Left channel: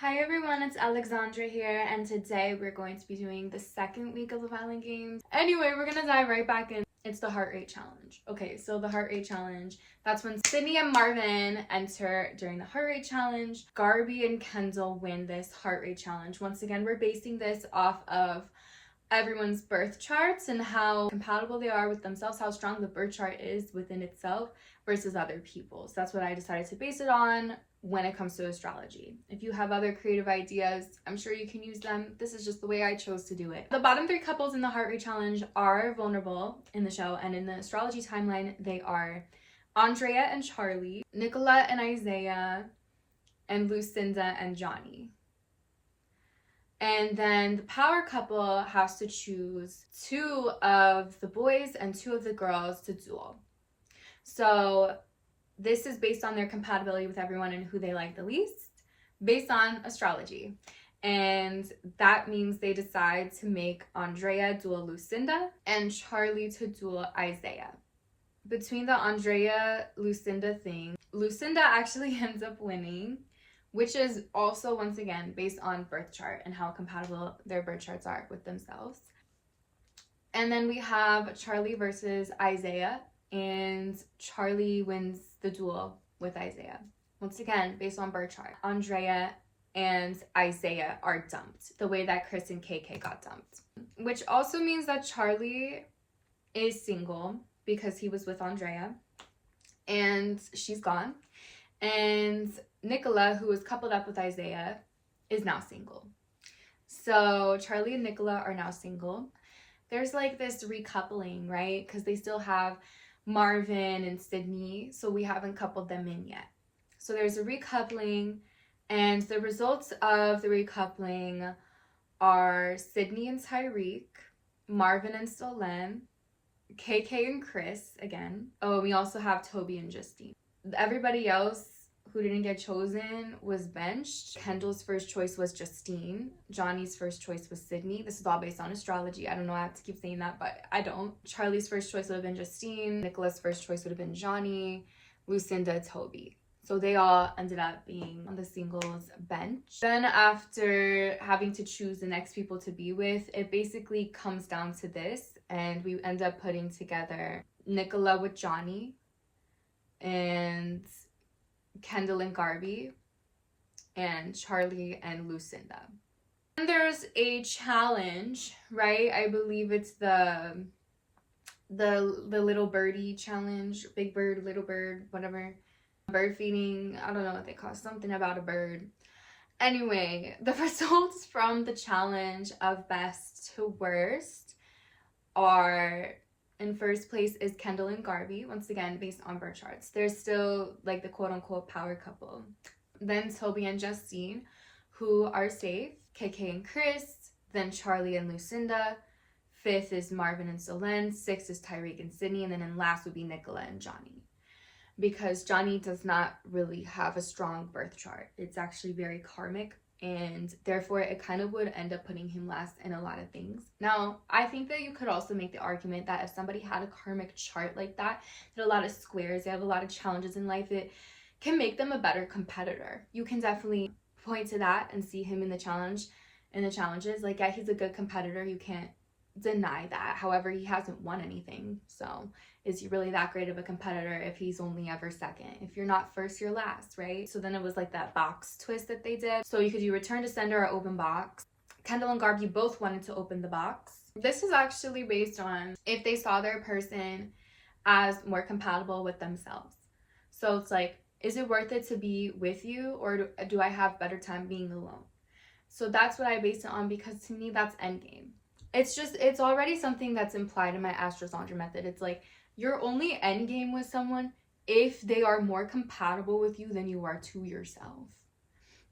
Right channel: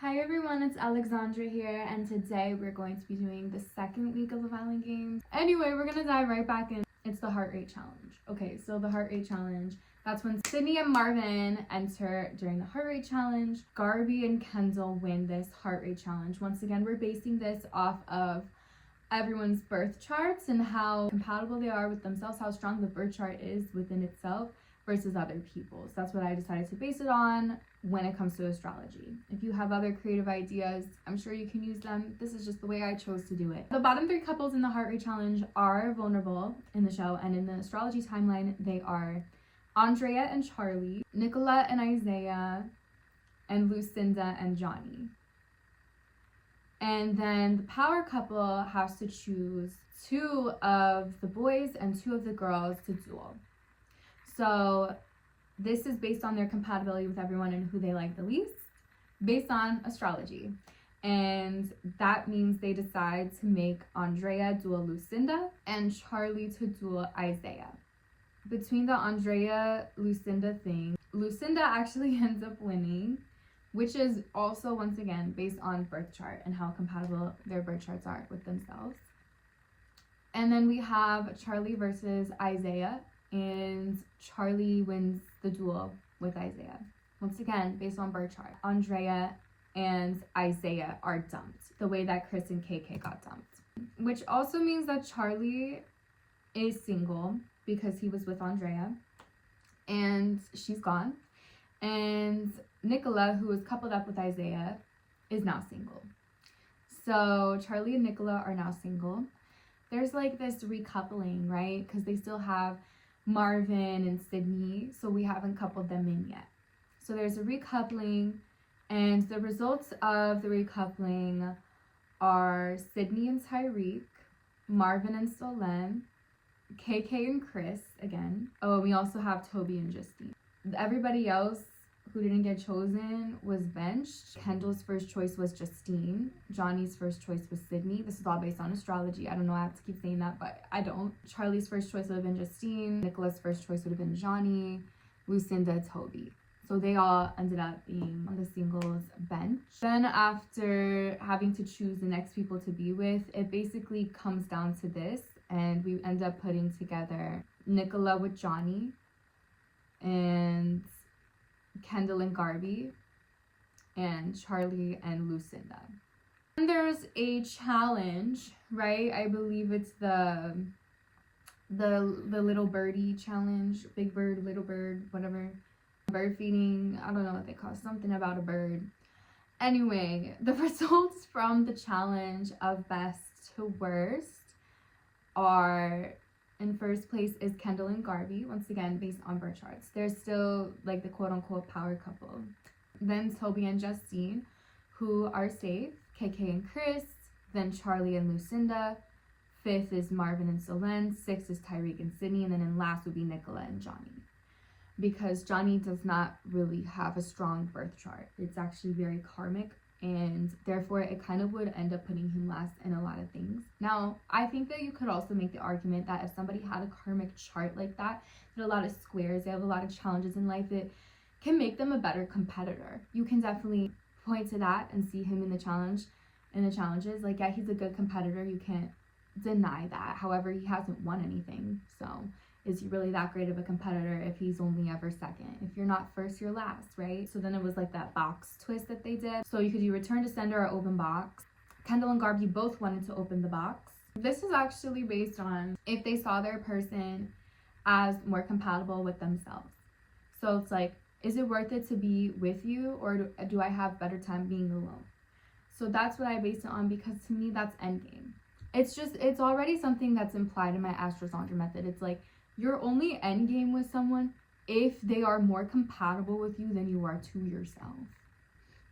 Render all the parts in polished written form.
Hi everyone, it's Alexandra here, and today we're going to be doing the second week of the Violent Games. Anyway, we're gonna dive right back in. It's the heart rate challenge. Okay, so the heart rate challenge, that's when Sydney and Marvin enter during the heart rate challenge. Gabby and Kendall win this heart rate challenge. Once again, we're basing this off of everyone's birth charts and how compatible they are with themselves, how strong the birth chart is within itself versus other people. So that's what I decided to base it on when it comes to astrology. If you have other creative ideas, I'm sure you can use them. This is just the way I chose to do it. The bottom three couples in the heart rate challenge are vulnerable in the show, and in the astrology timeline, they are Andrea and Charlie, Nicola and Isaiah, and Lucinda and Johnny. And then the power couple has to choose two of the boys and two of the girls to duel. So this is based on their compatibility with everyone and who they like the least, based on astrology. And that means they decide to make Andrea duel Lucinda and Charlie to duel Isaiah. Between the Andrea-Lucinda thing, Lucinda actually ends up winning, which is also, once again, based on birth chart and how compatible their birth charts are with themselves. And then we have Charlie versus Isaiah, and Charlie wins the duel with Isaiah. Once again, based on birth chart, Andrea and Isaiah are dumped, the way that Chris and KK got dumped. Which also means that Charlie is single because he was with Andrea, and she's gone. And Nicola, who was coupled up with Isaiah, is now single. So Charlie and Nicola are now single. There's like this recoupling, right? Because they still have Marvin and Sydney, so we haven't coupled them in yet. So there's a recoupling, and the results of the recoupling are Sydney and Tyreek, Marvin and Solen, KK and Chris again. Oh, we also have Toby and Justine. Everybody else who didn't get chosen was benched. Kendall's first choice was Justine. Johnny's first choice was Sydney. This is all based on astrology. I don't know, I have to keep saying that, but I don't. Charlie's first choice would have been Justine. Nicola's first choice would have been Johnny. Lucinda, Toby. So they all ended up being on the singles bench. Then after having to choose the next people to be with, it basically comes down to this, and we end up putting together Nicola with Johnny and Kendall and Gabby, and Charlie and Lucinda. And there's a challenge, right? I believe it's the little birdie challenge, big bird, little bird, whatever. Bird feeding, I don't know what they call it, something about a bird. Anyway, the results from the challenge of best to worst are, in first place is Kendall and Gabby, once again based on birth charts. They're still like the quote-unquote power couple. Then Toby and Justine, who are safe. KK and Chris. Then Charlie and Lucinda. Fifth is Marvin and Solen. Sixth is Tyreek and Sydney. And then in last would be Nicola and Johnny. Because Johnny does not really have a strong birth chart. It's actually very karmic, and therefore it kind of would end up putting him last in a lot of things. Now, I think that you could also make the argument that if somebody had a karmic chart like that, a lot of squares, they have a lot of challenges in life, it can make them a better competitor. You can definitely point to that and see him in the challenges. Like, yeah, he's a good competitor, you can't deny that. However, he hasn't won anything, so is he really that great of a competitor if he's only ever second? If you're not first, you're last, right? So then it was like that box twist that they did. So you could do return to sender or open box. Kendall and Gabby both wanted to open the box. This is actually based on if they saw their person as more compatible with themselves. So it's like, is it worth it to be with you, or do I have better time being alone? So that's what I based it on, because to me that's endgame. It's already something that's implied in my Astrology method. It's like, you're only endgame with someone if they are more compatible with you than you are to yourself.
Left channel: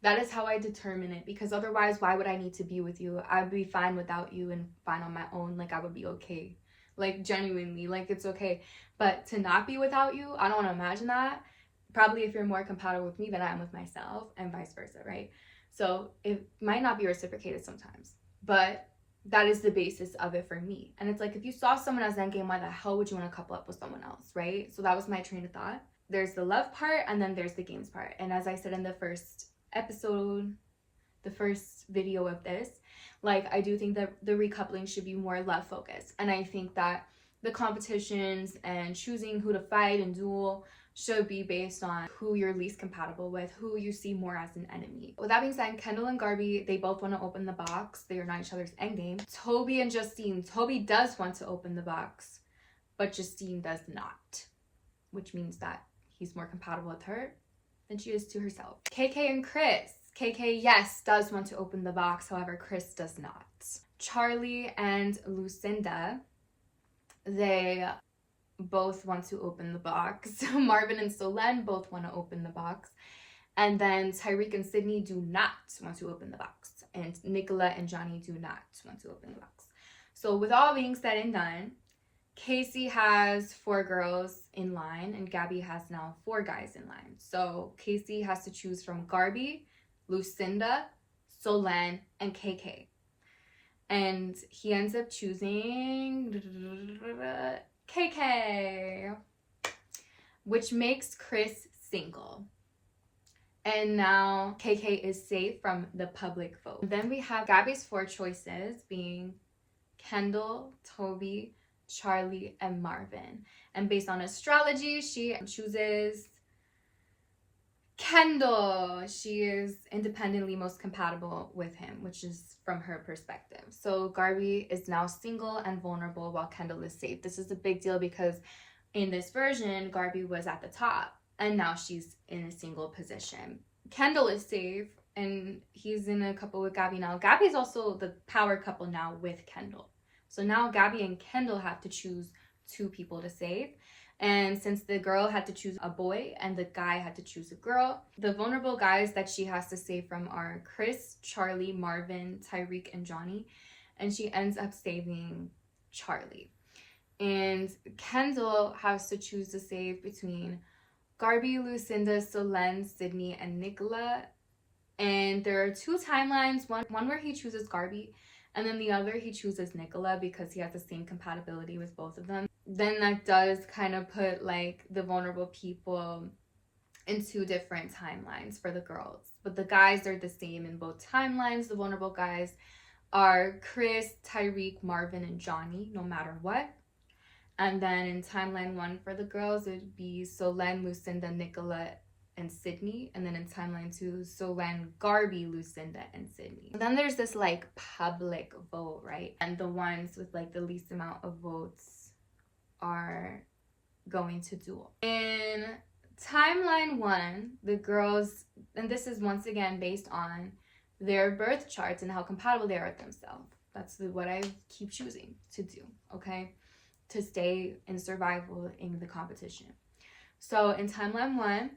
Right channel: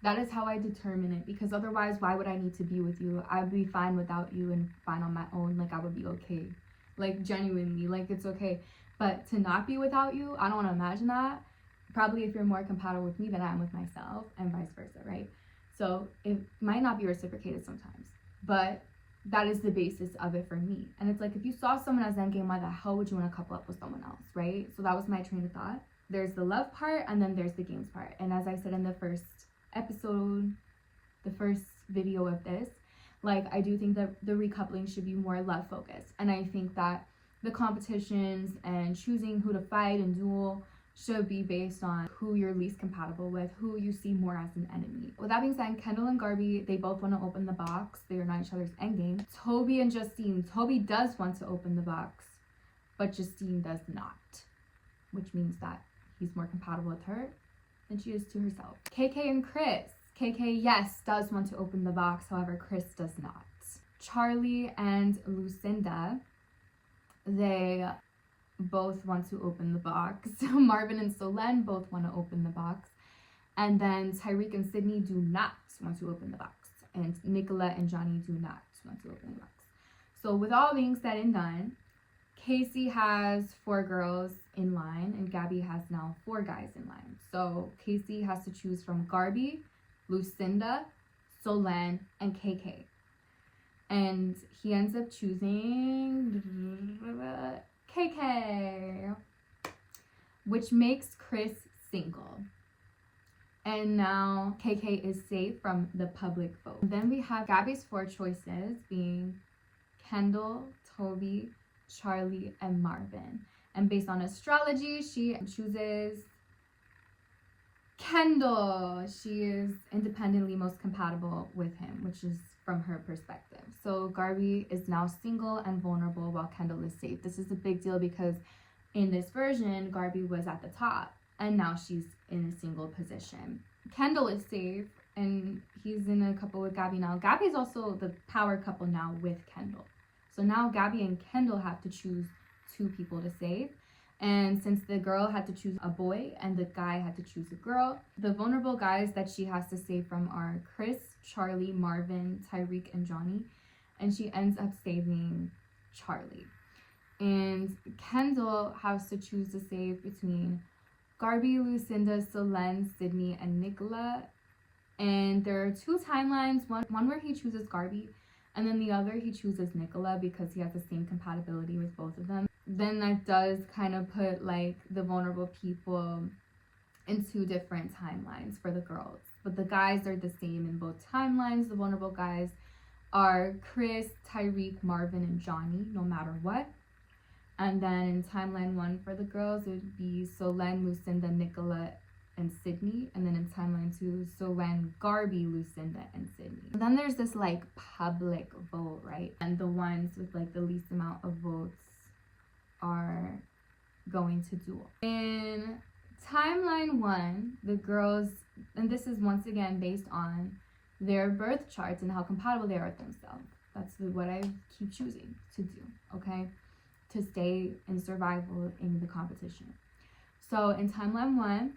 That is how I determine it, because otherwise, why would I need to be with you? I would be fine without you and fine on my own. Like, I would be okay. Like, genuinely, like, it's okay. But to not be without you, I don't want to imagine that. Probably if you're more compatible with me than I am with myself, and vice versa, right? So it might not be reciprocated sometimes, but that is the basis of it for me. And it's like, if you saw someone as endgame, why the hell would you want to couple up with someone else, right? So that was my train of thought. There's the love part, and then there's the games part. And as I said in the first episode, the first video of this, like, I do think that the recoupling should be more love focused. And I think that the competitions and choosing who to fight and duel should be based on who you're least compatible with, who you see more as an enemy. With that being said, Kendall and Gabby, they both want to open the box. They are not each other's endgame. Toby and Justine. Toby does want to open the box, but Justine does not, which means that he's more compatible with her than she is to herself. KK and Chris. KK, yes, does want to open the box. However, Chris does not. Charlie and Lucinda, they both want to open the box. Marvin and Solen both want to open the box. And then Tyreek and Sydney do not want to open the box. And Nicola and Johnny do not want to open the box. So with all being said and done, Casey has 4 girls in line and Gabby has now 4 guys in line. So Casey has to choose from Gabby, Lucinda, Solen, and KK. And he ends up choosing KK, which makes Chris single. And now KK is safe from the public vote. Then we have Gabby's 4 choices being Kendall, Toby, Charlie, and Marvin. And based on astrology, she chooses Kendall. She is independently most compatible with him, which is from her perspective. So Gabby is now single and vulnerable while Kendall is safe. This is a big deal because in this version, Gabby was at the top and now she's in a single position. Kendall is safe and he's in a couple with Gabby now. Gabby's also the power couple now with Kendall. So now Gabby and Kendall have to choose 2 people to save. And since the girl had to choose a boy and the guy had to choose a girl, the vulnerable guys that she has to save from are Chris, Charlie, Marvin, Tyreek, and Johnny. And she ends up saving Charlie. And Kendall has to choose to save between Gabby, Lucinda, Solen, Sydney, and Nicola. And there are 2 timelines, one where he chooses Gabby, and then the other he chooses Nicola because he has the same compatibility with both of them. Then that does kind of put like the vulnerable people in 2 different timelines for the girls. But the guys are the same in both timelines. The vulnerable guys are Chris, Tyreek, Marvin, and Johnny, no matter what. And then in timeline 1 for the girls, it would be Solen, Lucinda, Nicola, and Sydney. And then in timeline 2, Solen, Gabby, Lucinda, and Sydney. And then there's this like public vote, right? And the ones with like the least amount of votes are going to duel. In timeline 1, the girls, and this is once again based on their birth charts and how compatible they are with themselves. That's what I keep choosing to do, okay? To stay in survival in the competition. So in timeline 1,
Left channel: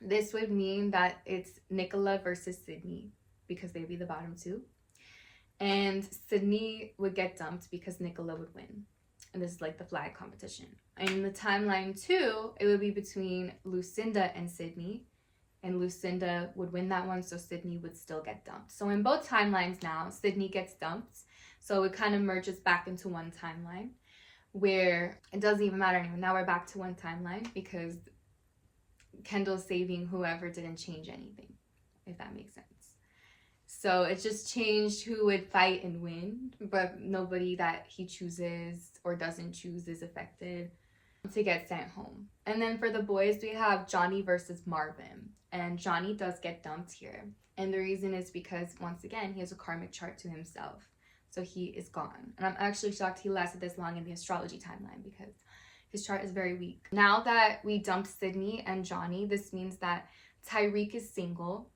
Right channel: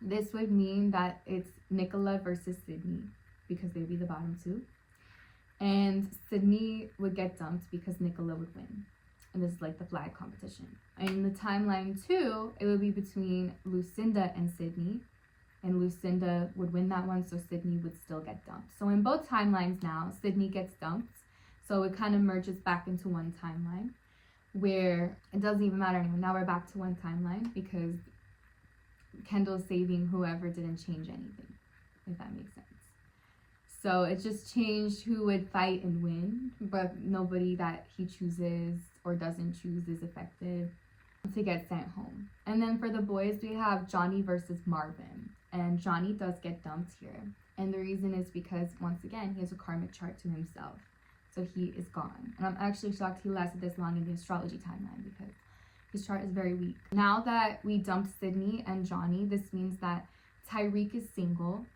this would mean that it's Nicola versus Sydney because they'd be the bottom 2. And Sydney would get dumped because Nicola would win. And this is like the flag competition. And in the timeline 2, it would be between Lucinda and Sydney. And Lucinda would win that one, so Sydney would still get dumped. So in both timelines now, Sydney gets dumped. So it kind of merges back into one timeline where it doesn't even matter anymore. Now we're back to one timeline because Kendall's saving whoever didn't change anything, if that makes sense. So it just changed who would fight and win, but nobody that he chooses or doesn't choose is affected to get sent home. And then for the boys, we have Johnny versus Marvin. And Johnny does get dumped here. And the reason is because, once again, he has a karmic chart to himself. So he is gone. And I'm actually shocked he lasted this long in the astrology timeline because his chart is very weak. Now that we dumped Sydney and Johnny, this means that Tyreek is single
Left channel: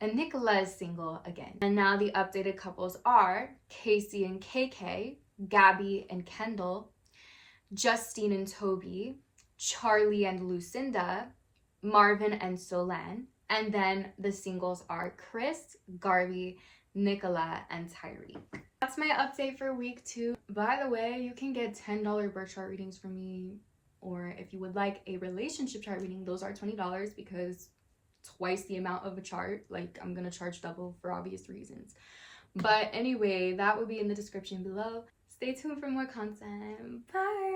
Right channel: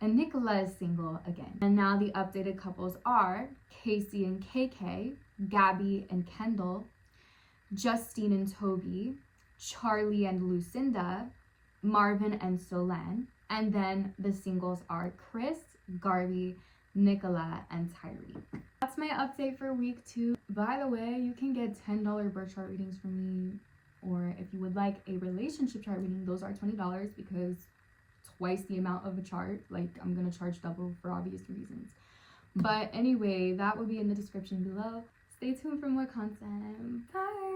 and Nicola is single again. And now the updated couples are Casey and KK, Gabby and Kendall, Justine and Toby, Charlie and Lucinda, Marvin and Solen, and then the singles are Chris, Gabby, Nicola, and Tyreek. That's my update for week 2. By the way, you can get $10 birth chart readings from me, or if you would like a relationship chart reading, those are $20 because twice the amount of a chart. Like, I'm gonna charge double for obvious reasons. But anyway, that will be in the description below. Stay tuned for more content. Bye!